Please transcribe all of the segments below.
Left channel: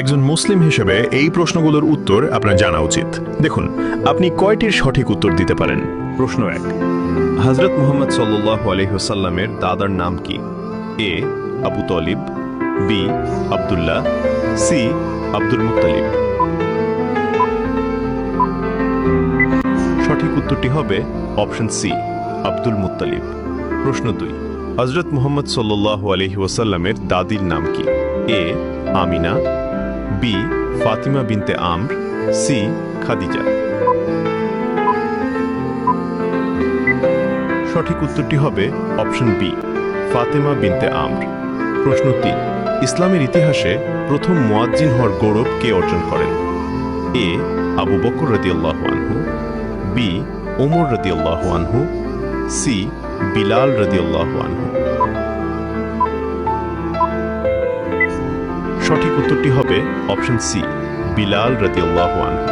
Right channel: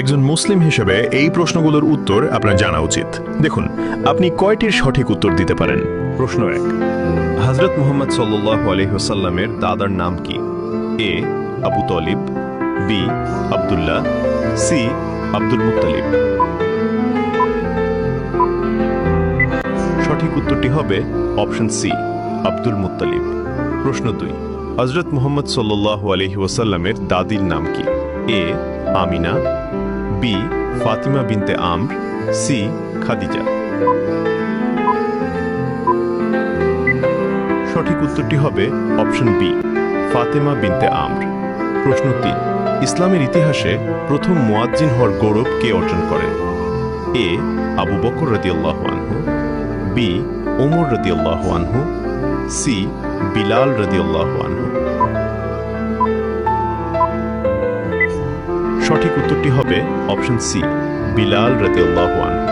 একজন মুসলিম হিসেবে এই প্রশ্নগুলোর উত্তর আপনার জানা উচিত। দেখুন, আপনি কয়টির সঠিক উত্তর দিতে পারেন। প্রশ্ন 1, হযরত মুহাম্মদ সাল্লাল্লাহু আলাইহি ওয়াসাল্লামের দাদার নাম কি? A Abu Talib, B Abdullah, C Abdul Muttalib. সঠিক উত্তরটি হবে অপশন সি আব্দুল মুত্তালিব। প্রশ্ন 2, হযরত মুহাম্মদ সাল্লাল্লাহু আলাইহি ওয়াসাল্লামের দাদির নাম কি? এ আমিনা, বি ফাতিমা বিনতে আমর, সি খাদিজা। সঠিক উত্তরটি হবে অপশন বি ফাতেমা বিনতে আমর। প্রশ্ন 3, ইসলামের ইতিহাসে প্রথম মুয়াজ্জিন হওয়ার গৌরব কে অর্জন করেন? এ আবু বকর রাদিয়াল্লাহু আনহু, বি ওমর রাদিয়াল্লাহু আনহু, সি বিলাল রাদিয়াল্লাহু আনহু। সঠিক উত্তরটি হবে অপশন সি বিলাল রাদিয়াল্লাহু আনহু।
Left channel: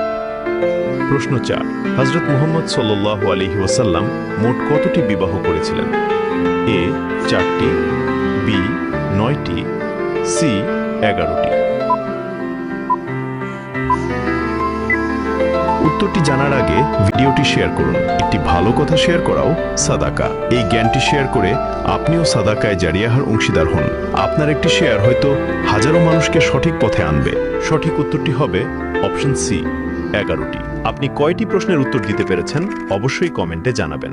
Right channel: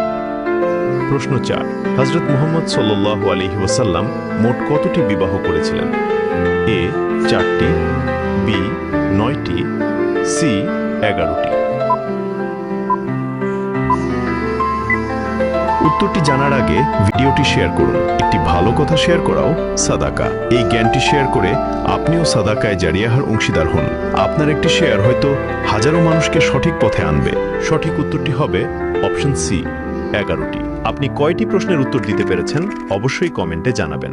প্রশ্ন 4, হযরত মুহাম্মদ সাল্লাল্লাহু আলাইহি ওয়াসাল্লাম মোট কতটি বিবাহ করেছিলেন? এ 4টি, বি 9টি, সি 11টি। উত্তরটি জানার আগে ভিডিওটি শেয়ার করুন। একটি ভালো কথা শেয়ার করাও সাদাকা। এই জ্ঞানটি শেয়ার করে আপনিও সাদাকায় জারিয়াহার অংশীদার হন। আপনার একটি শেয়ার হয়তো হাজারো মানুষকে সঠিক পথে আনবে। সঠিক উত্তরটি হবে অপশন সি 11টি। আপনি কয়টি প্রশ্নের উত্তর দিতে পেরেছেন অবশ্যই কমেন্টে জানাবেন।